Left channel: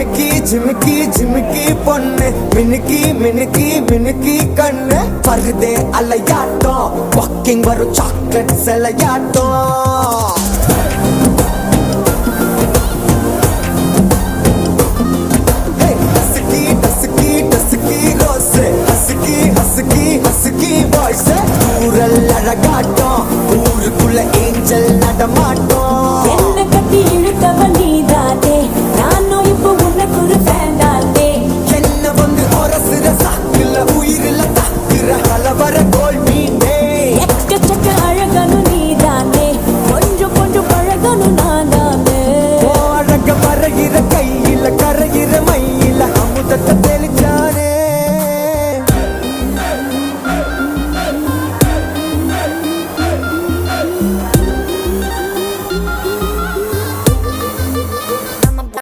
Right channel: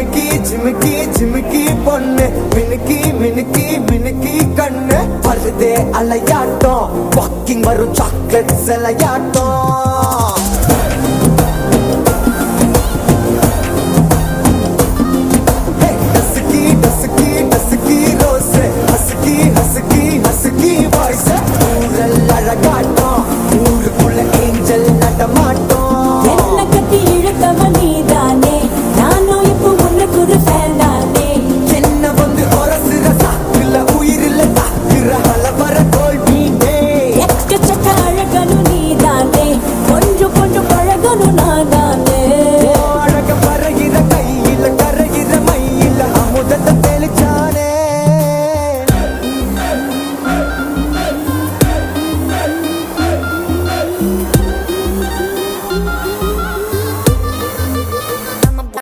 ஜிமிக்கி ஜிமிக்கி ஜிமிக்கி பொண்ணு மினுக்கி மினுக்கி மினுக்கி கண்ணு வருதே அலையாட்டம் வாக்கிங் வரும் சாக்லேட் சிலையாட்டம்